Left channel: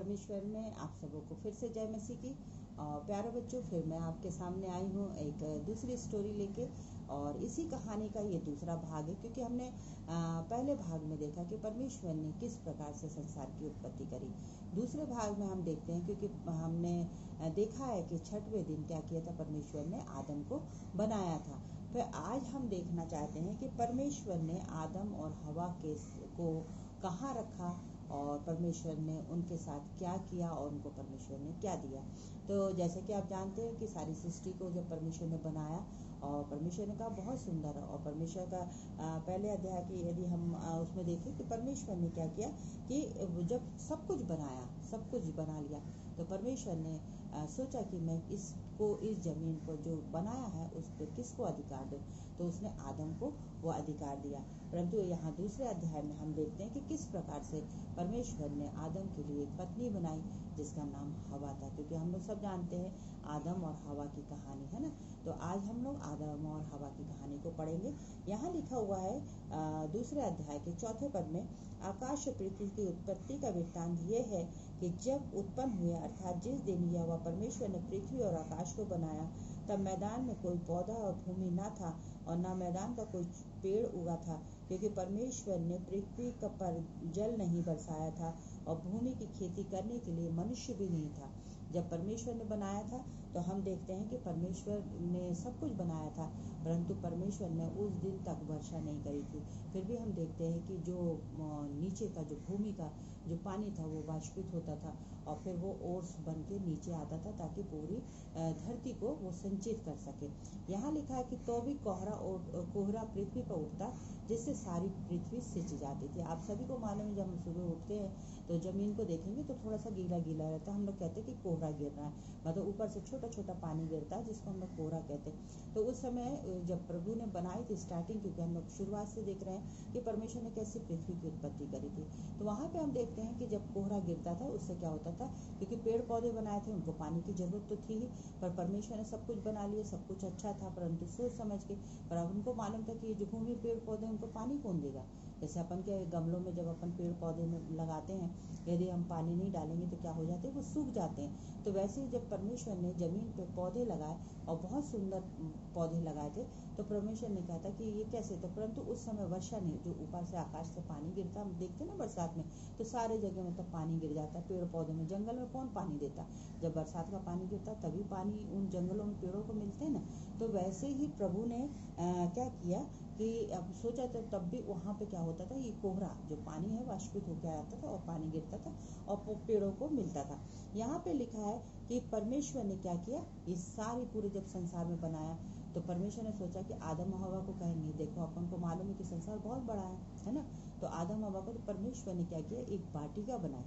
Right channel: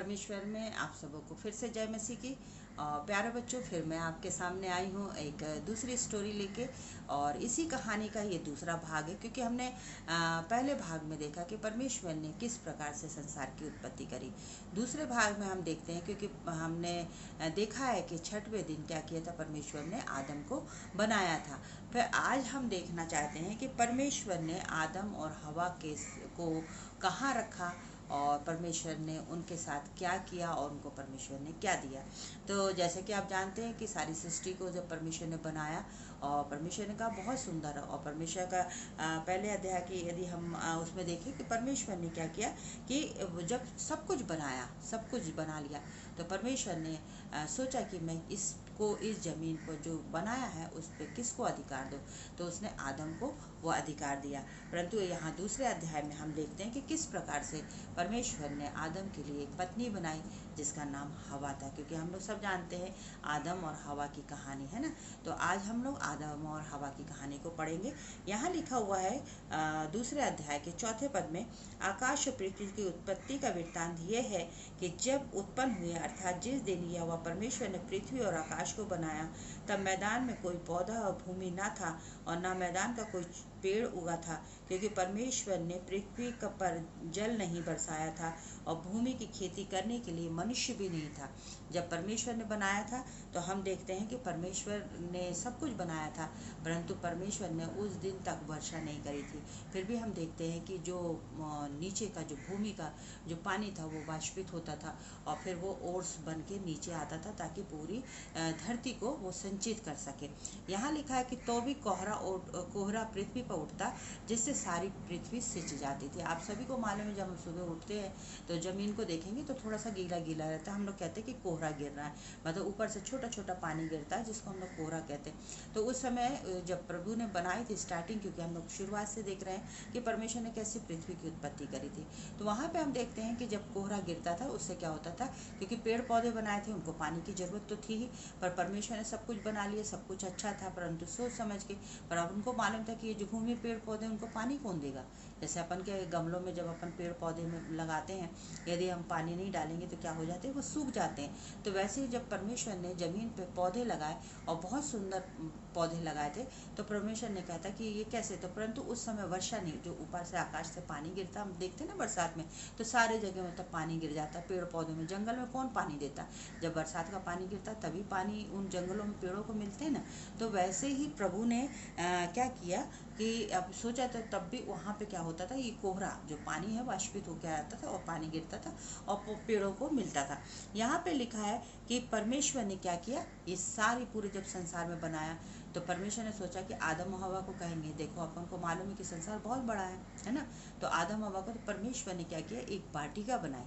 परमेश्वर में आप सबों को फिर से जय मसीह की। प्यारे बच्चों, फिर मैं आपके सामने आई हूँ एक दूसरी स्टोरी लेके, और इसी कहानी का ये दूसरा भाग है, क्योंकि हमने पहले भाग में देखा कि परमेश्वर ने किस प्रकार से संसार की उत्पत्ति करी। दूसरे भाग में हम देखते हैं, क्योंकि हमने देखा है कि छठवें दिन क्या किया था, परमेश्वर ने आदम को बनाया था। फिर आज हम देखना चाहते हैं कि परमेश्वर ने आदम और हवा को कहाँ रखा, और परमेश्वर ने उनके साथ क्या किया, और उनको परमेश्वर ने क्या दिया। तो जैसे कि आप जानते हैं कि सारी सृष्टि को जब परमेश्वर ने बनाया, और परमेश्वर ने कहा बहुत सुंदर है। और परमेश्वर का पहले अध्याय की यदि हम उसमें देखें कि परमेश्वर ने क्या किया, कि जब सब कुछ बनाया, सब कुछ बना लिया, तो परमेश्वर ने सोचा कि मैं इस ज़मीन को जो बनाया है उस पर किसको अधिकार दो। तो उसने आदम को वो अधिकार दिया। परंतु यहाँ दूसरे अध्याय में हम देखते हैं कि किस प्रकार से परमेश्वर ने आदम के लिए एक पत्नी बनाई, जिसका नाम हवा था। क्योंकि हम लोग सब जानते हैं आदम और हवा की कहानी, है ना। तो आज हम लोग आदम और हवा की कहानी को पढ़ेंगे। यहाँ लिखा हुआ है दूसरे अध्याय के चौथे पद में, आकाश और पृथ्वी की उत्पत्ति का वृत्तांत ये है कि जब उत्पन्न हुए, अर्थात जिस दिन यहोवा परमेश्वर ने पृथ्वी और आकाश को बनाया, तब मैदान में कोई पौधा और भूमि न था, और न मैदान का कोई पेड़ उगा था, क्योंकि परमेश्वर ने पृथ्वी पर जल नहीं बरसाया था, और भूमि की खेती करने के लिए मनुष्य भी नहीं था। जब परमेश्वर ने बनाया था, तो हम देखते हैं कि परमेश्वर ने सब कुछ बनाया था, परंतु परमेश्वर ने उस दिन तक वर्षा नहीं करी थी। फिर भी हम देखते हैं कि जो नीचे का जो भूमि का जो पानी था वो वाष्पित होता था, और फिर वो ओर्स बन के नीचे आता था, ताकि पूरी धरती को वो संचित कर सके। यहाँ लिखा है कि तो भी कोहरा पृथ्वी पर उठता, जिससे सारी पृथ्वी सिंच जाती थी। आप सभी को मालूम है, जब हम सुबह उठते हैं तो ज़मीन को देखेंगे तो थोड़ा सा गीला गीला रहता है। हम लोग कहते हैं कि कोहरा गिर रहा है, मतलब ऊपर से छोटा छोटा पानी गिरता है, जिसको हम लोग कोहरा कहते हैं। तो उस समय जब प्रभु ने बनाई थी स्टार्टिंग, क्योंकि हम लोग शुरुआत से देख रहे हैं कि परमेश्वर ने कैसे पृथ्वी की उत्पत्ति करी थी, तो वहाँ पे हम देखते हैं कि जब कोहरा गिरता था उससे क्या होता था, क्योंकि पेड़ पौधे बनाए थे, उनको पानी की ज़रूरत तो थी ही, पर परमेश्वर ने सब कुछ बना लिया, सब कुछ अच्छा था, परंतु सोच समझ के। पर अब उनको मालूम था कि ये जो भूमि पेड़ पौधे, उनको पानी कौन देगा। जैसे अपन के गमलों में जब अपन पेड़ पौधे में लगाते हैं, यदि हम पानी नहीं डालेंगे तो क्या हो जाते हैं, वो सूख जाते हैं। तो वैसे ही जब परमेश्वर ने ज़मीन पे पौधे लगाए, और बहुत सुंदर पौधे लगाए थे, तो परमेश्वर ने कहा था कि ये कैसे, तो परंतु उस समय वर्षा नहीं, जो ऊपर से आकाश से पानी गिरता, हम देखते ना बरसात में, तो सारे जगह मतलब पानी गिर जाता, पेड़ पौधों में। जंगल में कौन पानी देता, जब बरसात का पानी गिरता तभी पानी उन जंगलों में, पेड़ों को मिलते हैं ना। तो वैसे ही प्रभु ने क्या किया कि अब सोचा, तो तब भी वहाँ पे क्या होता था, ये कोहरा जो पानी है वाष्पित होकर आता था, और पानी गिरता था और पेड़ों को मिलता था। यहाँ पे लिखा है कि परमेश्वर ने क्या किया, इस सारी पूरे जब संसार में बनाया, तो परमेश्वर ने सोचा कि आदम और हवा को कहेंगे, देखो अपन को मालूम है कि संसार बहुत बड़ा है ना। तो आदम हवा को, तो परमेश्वर ने क्या किया, एक वाटिका बनाई,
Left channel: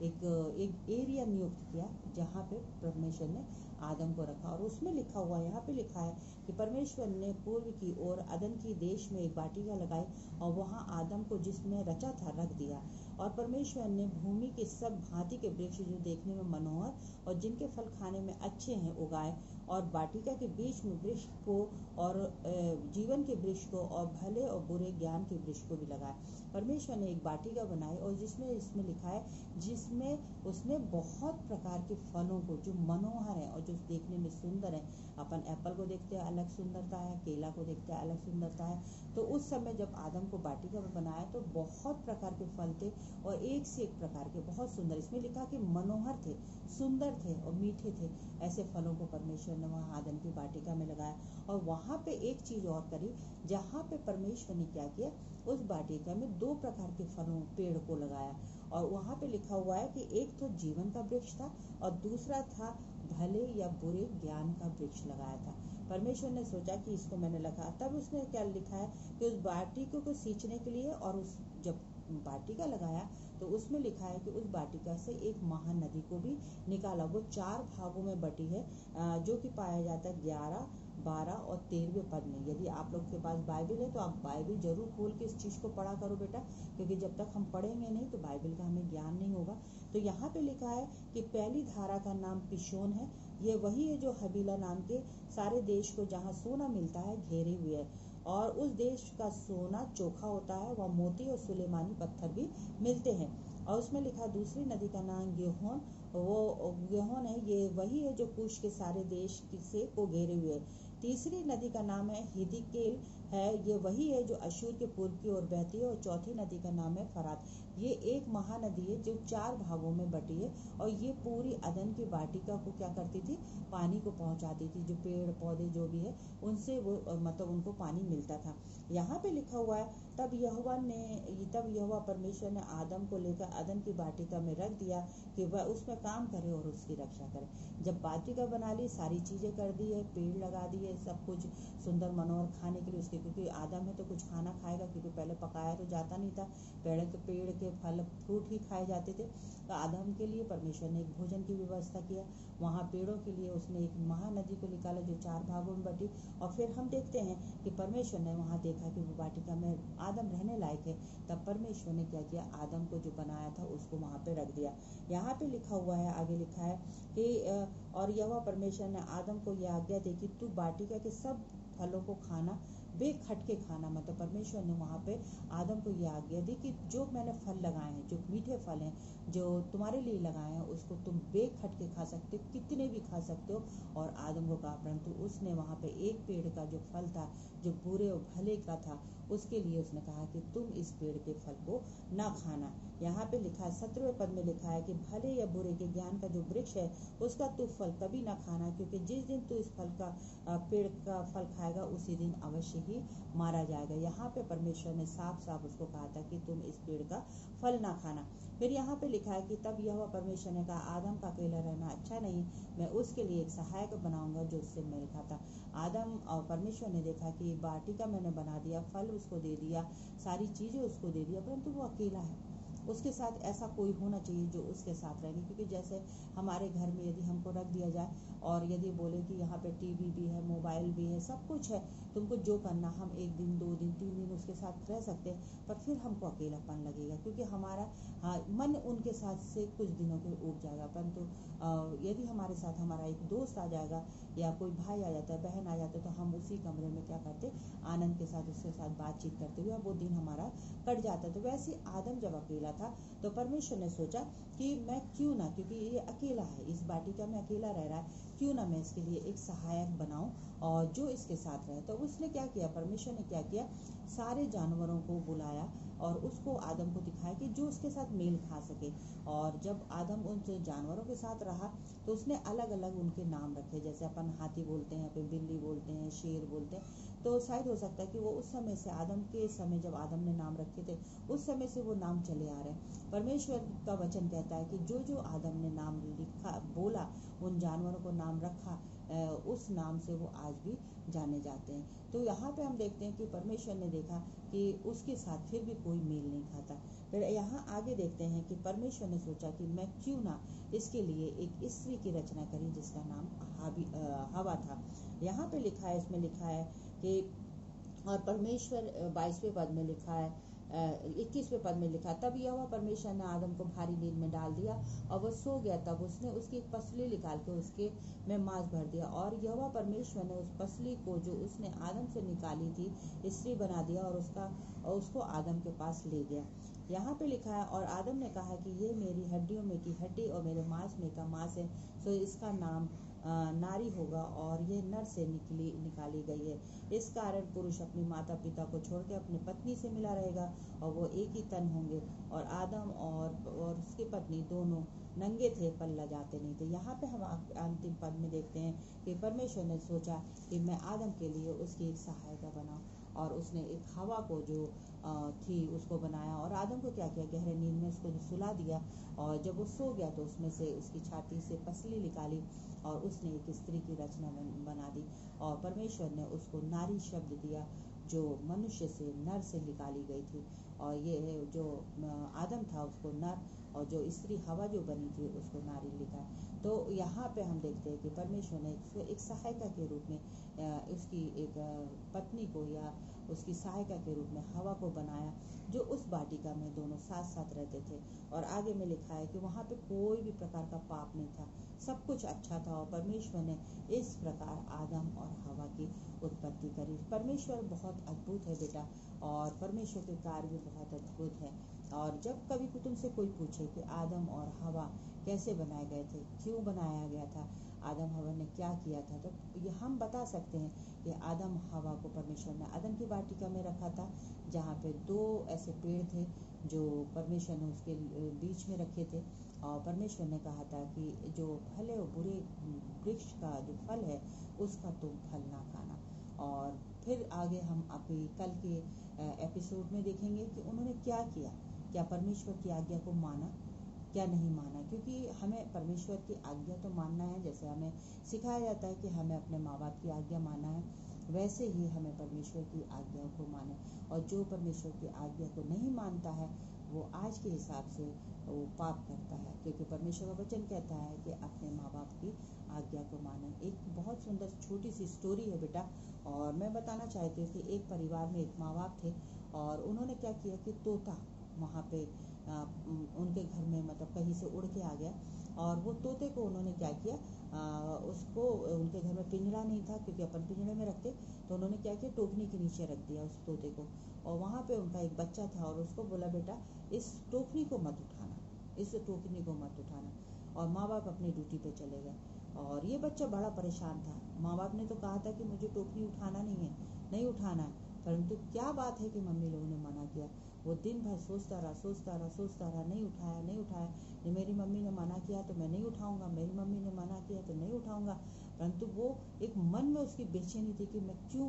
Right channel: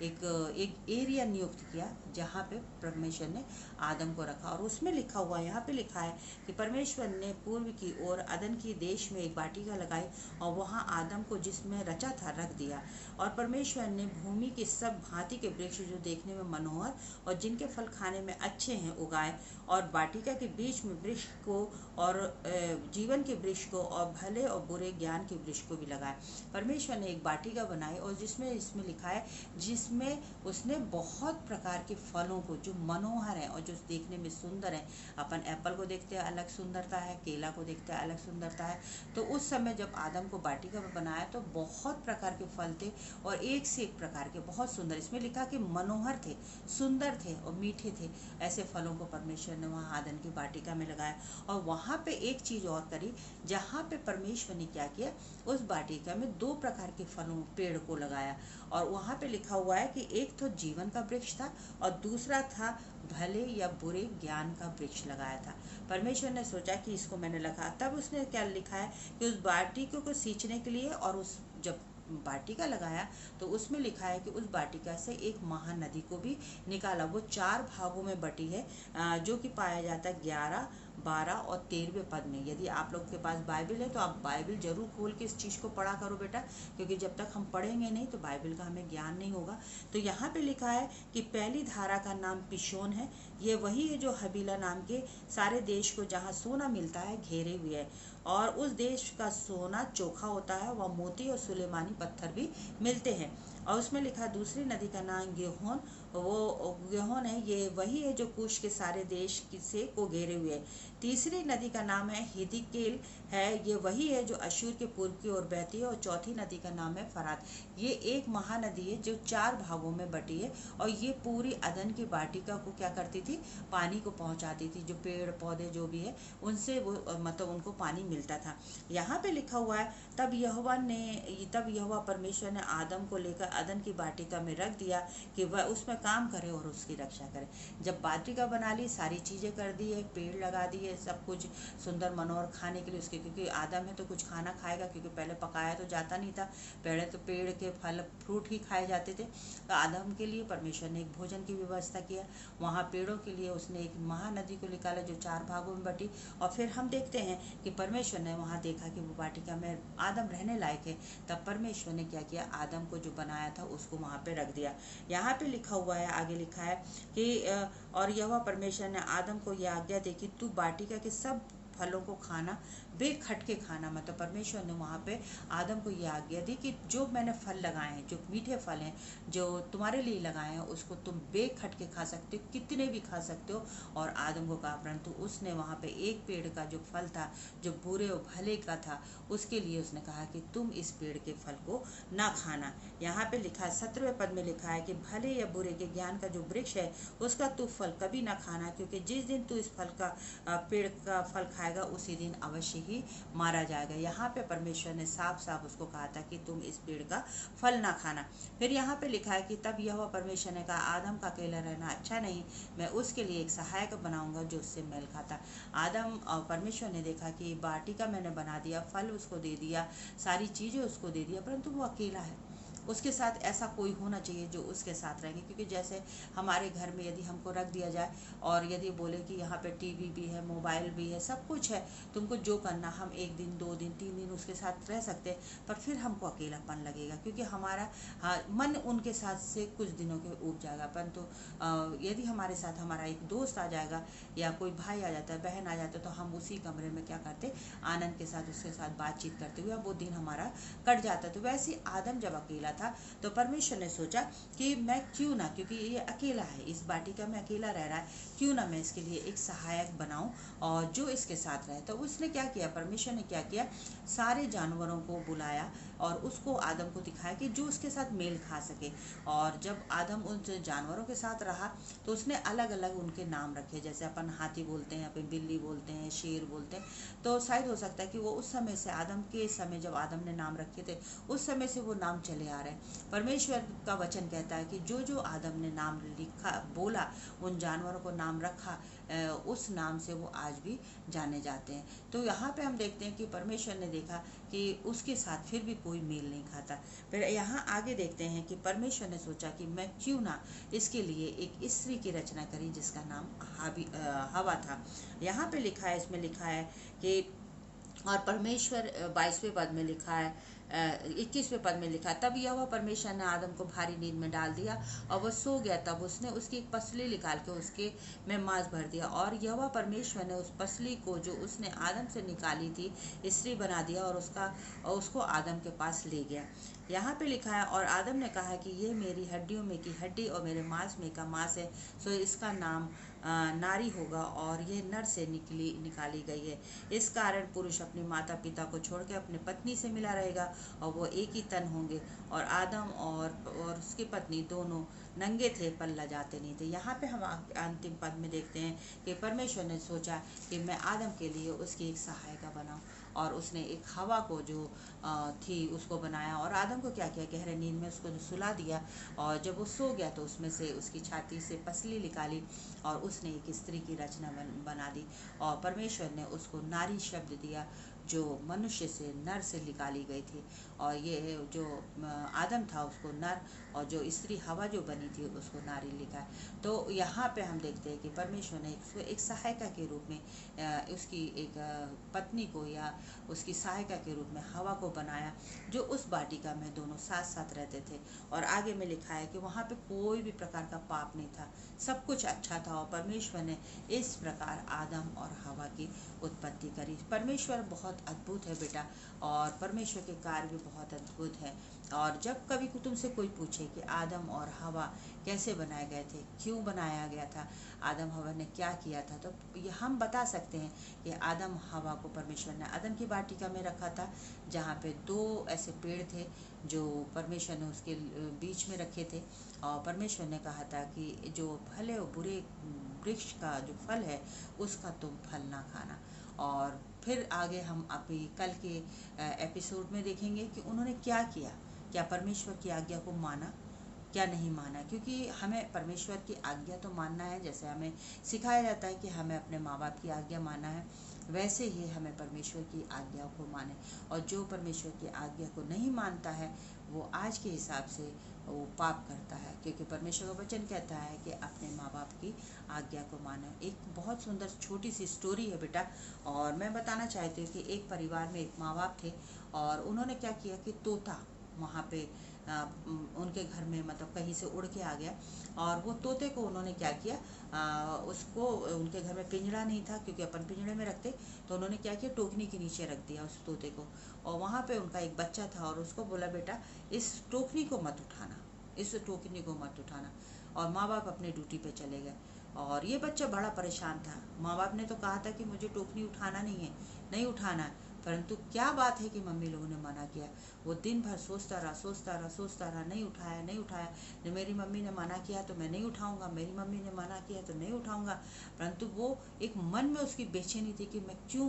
एक एरिया नियुक्त किया, जहाँ पे परमेश्वर ने आदम को रखा। और उसमें लिखा हुआ, यहाँ पे लिखा है कि परमेश्वर ने पूर्व की ओर अदन की देश में एक वाटिका लगाई, और वहाँ आदम को जिसमें रचा था रख दिया। और परमेश्वर ने भूमि के सब भांति के वृक्ष जो देखने में मनोहर और जिनके फल खाने में अच्छे हैं उगाए, और वाटिका के बीच में वृक्ष को, और जीवन के वृक्ष को, और भले और बुरे ज्ञान के वृक्ष को भी लगाया। परमेश्वर ने एक वाटिका बनाई, और इसमें लिखा है, जिसमें उसने बहुत प्रकार के फलों को जो मनोहर हैं और जो देखने में सुंदर हैं। अपन एप्पल को देखते हैं अलग सुंदरता है, केला को देखते हैं अलग सुंदरता है। तो उस समय जब आदम को वाटिका में बनाया, तो बहुत प्रकार के फल थे, और एक से एक प्रकार के बहुत सुंदर, इसमें लिखा कि मनोहर थे, सुंदर थे और मीठे थे। ऐसे फलों को परमेश्वर ने वहाँ आदम की वाटिका में लगाया। और वहाँ पे एक चीज़ और करी, जहाँ पे परमेश्वर ने क्या किया, उस वाटिका में 2 प्रकार के फलों पेड़ को लगाया। और वहाँ पे लिखा हुआ है कि एक तो जीवन का वृक्ष था, और दूसरा था भले या बुरे ज्ञान का वृक्ष लगाया था। परमेश्वर ने सोचा कि इसको मैंने लगा, तब उसने क्या लिखा है कि उस वाटिका को सींचने के लिए, और उस जब वाटिका लगाया, तो उसमें लिखा है कि उस वाटिका से एक महानदी को भी निकाला। वो 4 भागों में बटी है, जो कि पाया जाता है 11, 12 और 13वें पद में। यदि आप लोग के पास बाइबल है तो आप बाइबल जरूर खोल के इस चीज़ को पढ़ा करो बेटा, क्योंकि जब तक हम पढ़ेंगे नहीं तो बाइबल का हमें ज्ञान नहीं होगा। तो यहाँ पे लिखा है कि पहली धारा का नाम पिशोन है। ये वही है जो हबीला नाम के सारे देश को, जहाँ सोना मिलता है, घेरे हुए है, और उस देश का सोना चोखा होता है, वह मोती और सुलेमानी पत्थर भी मिलते हैं। और उसमें लिखा दूसरी नदी का नाम गिहोन। वो गिहोन है, ये वही है जो कुश के सारे देश से को घेरे हुए है। तीसरी नदी का नाम है हिदिकेल है, ये वही है जो अशूर के पूर्व की ओर बहती है। और चौथी नदी का नाम है फरात। ये एक महानदी है जो 4 भागों में बटी है, और ये पूरी अदन की वाटिका को क्या करती थी, पानी को पहुंचाती थी। जो पेड़ पौधे जो भी है उनसे वो मतलब उनको पानी मिलता था। यहाँ पे लिखा हुआ है तब यहोवा परमेश्वर ने आदम को लेकर अदन की वाटिका में रख दिया कि वह उसमें काम करे और उसकी रक्षा करे। जब वाटिका बना ली, सारी चीज़ें कर दी है, पेड़ लगा दिए, सब कुछ सुंदर मनोहर खाने के लिए उसके, क्योंकि आदम है तो कुछ खाना खाएगा, क्योंकि पहले पकाया तो जाता नहीं था, पहले तो पेड़ के फल फ्रूट ही खाए जाते थे। तो आदम के लिए परमेश्वर ने एक भोजन की व्यवस्था किया। वहाँ पेड़ों के लिए उसने एक महानदी को निकाला जो 4 भागों में बटी। और फिर हम देखते हैं कि परमेश्वर ने वहाँ देखा कि वो वाटिका में आदम रहने लायक है। तब परमेश्वर ने क्या किया, आदम को जो बनाया था उसको वहाँ पे रख दिया। यहाँ पे लिखा हुआ है, आगे लिखा है कि और यहोवा परमेश्वर ने आदम को यह आज्ञा दी कि तू वाटिका के सब फलों को खाना, बेखटके खाना। मतलब परमेश्वर ने वहाँ पे आदम को ये आज्ञा दी कि जो मैंने फल लगाए हैं, जो मीठे फल हैं, जो तुम्हारे लिए लगाए हैं, उसको तुम बेखटके खा सकते हो, कितने भी खा सकते हो। और आदम को कहा, परंतु उसने वहाँ पे एक पेड़ का जो फल था, जो बुरे और भले का था, उसके लिए उसने कहा कि तुम इस पेड़ के फल को ना खाना। यहाँ पे लिखा है 17वें पद में लिखा है कि भले या बुरे के ज्ञान का जो वृक्ष है उसका तू फल कभी ना खाना, क्योंकि जिस दिन तू इस फल का पेड़ का फल खाएगा उसी दिन अवश्य ही मारा जाएगा। यहाँ पे परमेश्वर ने साफ साफ उसको कहा था कि तुम इस पेड़ का फल ना खाना। फिर यहाँ पे लिखा है कि तब यहोवा परमेश्वर ने कहा, आदम का अकेला रहना अच्छा नहीं, मैं उसके लिए एक सहायक बनाऊंगा जो उससे मेल खाता। आदम और परमेश्वर ने देखा कि वाटिका मैंने बना दिया, फल उसको दे दिया, सारी चीज़ें उसको दे दिया, परंतु वो अकेला है। उसके साथ ऐसा कोई होना चाहिए जो उसके साथ रहेंगे, क्योंकि जैसे हमारे घर में यदि हमको रख दिया जाए और यदि बोले कि यहाँ पे टीवी भी है, मोबाइल भी है, सब कुछ है, तुमको जो करना, हम 1 दिन 2 दिन 3 दिन उसके साथ रह सकते हैं, पर फिर हमको अकेलापन लगेगा, क्योंकि हमारा मन उनके साथ से कुछ दिनों के ऊब जाएगा। परंतु यदि हमारे साथ हमारा एक दोस्त आ जाएगा या कोई भाई आ जाता है, बहन आ जाता है, तो हम उसी कमरे में क्या करते, आनंद के साथ उसके साथ बातचीत करते हुए वो दिन हमारा कट जाता है। तो वैसे ही आदम जब अकेला था तो परमेश्वर ने सोचा कि मैं क्यों ना, क्योंकि ये अकेला है, इस वाटिका में अकेला रह रहा है, क्यों ना मैं इसके लिए एक सहायक बनाऊं और जो इसके साथ रहे। तो उसने क्या किया, परमेश्वर ने क्या किया, सारे जानवरों को बुलाया और उसको आदम को दिखाया कि जो उसके साथ मेल खा सके। और जब आदम उन जानवरों के साथ रहा तो उसने अलग अलग उनके नाम रखे, जैसे अपन हाथी बोलते हैं, अपन बिल्ली बोलते हैं, शेर बोलते हैं। तो शायद हो सकता है कि वो उस समय से, आदम के समय जब आदम ने नाम रखे थे, उस समय से वो नाम चले आ रहे हैं। परमेश्वर का वचन कहता है कि जो जो आदम ने नाम लिखा, बोला, उन जानवरों को नाम रखा, उस नाम से वो आज भी जाने जाते हैं। तो यहाँ पे हम देखते हैं कि परमेश्वर ने देखा कि उसके साथ फिर भी कोई मेल नहीं खाता। फिर यहाँ आगे देखते हैं कि परमेश्वर ने सोचा कि मैं क्यों ना इसके लिए एक स्त्री की रचना करी जिसका नाम हवा था। यहाँ पे लिखा है, इसमें लिखा है कि और परमेश्वर 22वें पद में लिखा है, 21वें पद में लिखा, तब यहोवा परमेश्वर ने आदम को भारी नींद में डाल दिया और वह सो गया। तब उसने उसकी एक पसली निकाल के उसके में मांस भर दिया और यहोवा परमेश्वर ने उस पसली को जो उसने आदम से निकाली थी स्त्री बना दिया और उसको आदम के पास ले गया। यहाँ पे लिखा है, और आदम ने कहा कि ये मेरी हड्डियों में की हड्डी और मेरे मांस में का मांस है, सो इसका नाम नारी होगा और ये नर से निकाली गई है। इस कारण पुरुष अपनी माता पिता को छोड़कर अपनी पत्नी से मिला रहेगा और वो एक ही तन होंगे। और आदम और उसकी पत्नी दोनों नंगे थे पर लजाते नहीं थे। यहाँ पे हम अंतिम पद में देखते हैं कि परमेश्वर ने सोचा कि मैं आदम के लिए उसकी एक सहायिका बनाऊं, और उसने एक हवा को जो थी उसको बनाया और आदम को क्या किया, गहरे नींद में उसको सुला दिया। और जब वो सो गया तो उसमें से उसकी छाती से पसली निकाली और उसने एक स्त्री की रचना बना दी। और परमेश्वर ने उसको नारी शब्द दिया जो मनुष्य से, नर से निकाली गई थी। और ये जो आदम था उसको नर, और जो स्त्री हवा जो बनी थी उसको नारी लिखा है। तो यहाँ पे हम देखते हैं कि परमेश्वर ने एक सहायिका के रूप में उसकी एक पत्नी को या उसकी सहायिका के रूप में हवा को बनाया, जो उस वाटिका में दोनों साथ साथ रहते थे। और आगे में लिखा है कि वहाँ पे कोई भी प्रकार का पाप नहीं था, सब कुछ अच्छा था। और परमेश्वर ने इस प्रकार आदम और हवा की उत्पत्ति करी। परमेश्वर बहुत अद्भुत है बेटा, और परमेश्वर के कार्य भी बहुत अद्भुत है। और जब कभी तुमसे कोई पूछे कि आदम और हवा कैसे बनाए गए थे, क्यों बनाया गया था, आदम हवा ने क्या किया था, तो ये हम बता सकते हैं कि आदम हवा को परमेश्वर ने अदन की वाटिका में रखा था, जहाँ पे दो ऐसे पेड़ थे जो परमेश्वर ने उसके बीच में रखे थे। और परमेश्वर ने कहा था कि जो भले और बुरे वृक्ष का जो फल है उसका तुम फल ना खाना। और फिर आगे हम अभी कल के एपिसोड में देखेंगे कि उन्होंने क्या किया, क्या परमेश्वर की आज्ञा को माना, क्या नहीं माना। क्योंकि हमें परमेश्वर की आज्ञा तो मानना है, जैसे हमें सिखाया जाता है कि हमें अपने माँ बाप की आज्ञा मानना है, वैसे ही हमें परमेश्वर की आज्ञा को माने। और जो परमेश्वर की आज्ञा को नहीं मानता है वो आज के हिसाब से वो पाप करता है, क्योंकि परमेश्वर का वचन कहता है कि अपने माँ बाप की आज्ञा को मानो। एक बहुत सुंदर छोटी सी स्टोरी है बेटा, और मैं बताना चाहती हूँ कि एक परिवार में एक माँ बाप थे, और उन्होंने क्या किया कि तोता वहाँ पे उनके घर में मतलब कहीं से उड़ के आ गया, और वो तोते को उन्होंने क्या किया, उसको उनके घर में पिंजरा नहीं था क्योंकि अपन पिंजरे में रखते, तो उन्होंने क्या किया, टोकनी के नीचे रख दिया उस तोते को। और वहाँ पे उनका एक बच्चा था और उसको बोला, बेटा इस टोकनी को मत उठाना, इस टोकनी को मत उठाना। और माँ बाप अपनी ड्यूटी पे चले गए, और ये बच्चा बड़ा परेशान था। माँ बाप ने तो कहा था कि मुझे टोकनी उठाना नहीं है, नहीं उठाना है, परंतु क्या बात है कि मम्मी लोगों ने मना किया। वो दिन भर सोचता रहा, सोचता रहा, सोचता रहा, नहीं उठाया, नहीं उठाया। मेरी मम्मी ने मना किया तो मैं नहीं उठाऊंगा, मेरी मम्मी ने मना किया तो नहीं उठाऊंगा। परंतु वो एक मन में उसकी बेचैनी थी कि मैं क्यों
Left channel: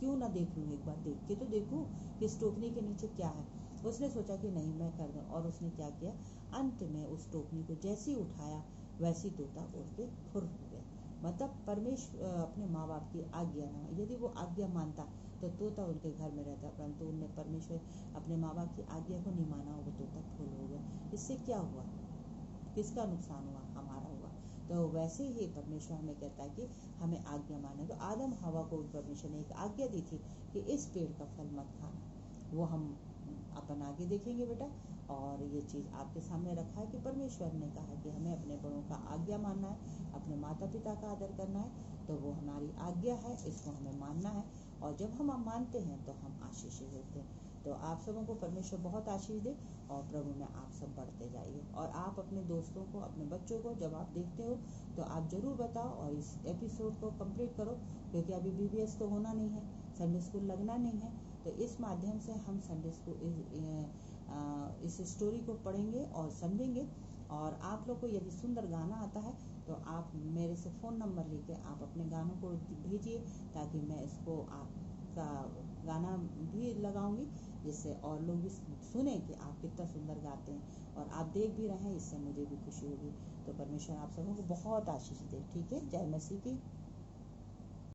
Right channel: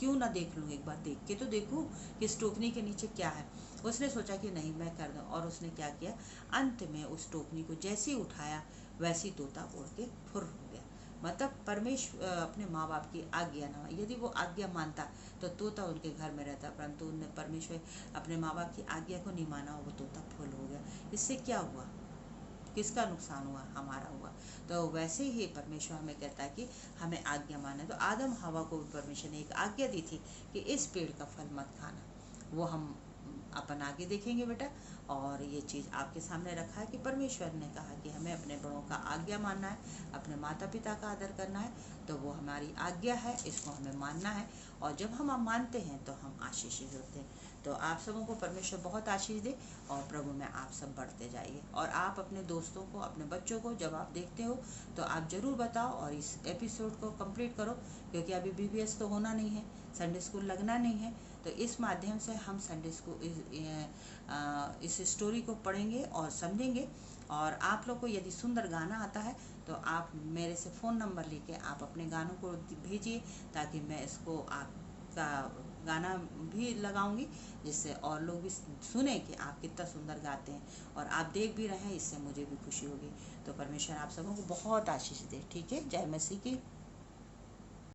क्यों ना देख लूँ, एक बार देख के तो देखूँ कि इस टोकनी के नीचे क्या है। उसने सोचा कि नहीं मैं कर दूँ, और उसने क्या किया, अंत में उस टोकनी को जैसे ही उठाया वैसी तोता उड़ के फुर हो गया। मतलब परमेश्वर अपने माँ बाप की आज्ञा ना, यदि वो आज्ञा मानता तो तोता उनके घर में रहता, परंतु उनने परमेश्वर अपने माँ बाप की आज्ञा को नहीं माना, वो तोता फुल हो गया। इससे क्या हुआ, किसका नुकसान हुआ, हमारा हुआ। तो वैसे ही परमेश्वर हमें कहता है कि हमें आज्ञा माने। तो आदम हवा को भी परमेश्वर ने एक आज्ञा दी थी कि इस पेड़ का फल मत खाना। वो हम अपन आगे देखेंगे बेटा। और ये चीज़ आपके सामने रखा है कि परमेश्वर ने कहा कि हमें अपने बड़ों का आज्ञा मानना है, अपने माता पिता का आदर करना है, तो वो हमारी आज्ञा है, इसको हमें मानना है। और जब हम मानते हैं तो हम आशीषित होते हैं। तो आप सबों को परमेश्वर बहुत आशीष दे, और प्रभु में आप सब बढ़ते जाइए। और आप अपने दोस्तों को, अपने बच्चों को जब आप देखते हो तो आप ज़रूर बताओ, और इस एपिसोड को कंप्लीट करो, क्योंकि अभी बीबीएस तो होना नहीं है, संडे स्कूल लगना नहीं है। तो इस माध्यम से हम संडे स्कूल इस स्टोरी को पढ़ेंगे और समझेंगे। और आप लोग को यदि सुंदर गाना आता है तो आप मेरे से फ़ोन नंबर लेके आप अपने गानों को भेजिए, ताकि मैं इसको आपका गाना भी लगाऊंगी, जिससे और लोग भी सुने कि आप कितना सुंदर गाते हैं, और आप देख भी रहे हैं, इससे मुझे भी खुशी होगी। तो परमेश्वर आप सबों को बहुत आशीष दे। ठीक है, जय मसीह की।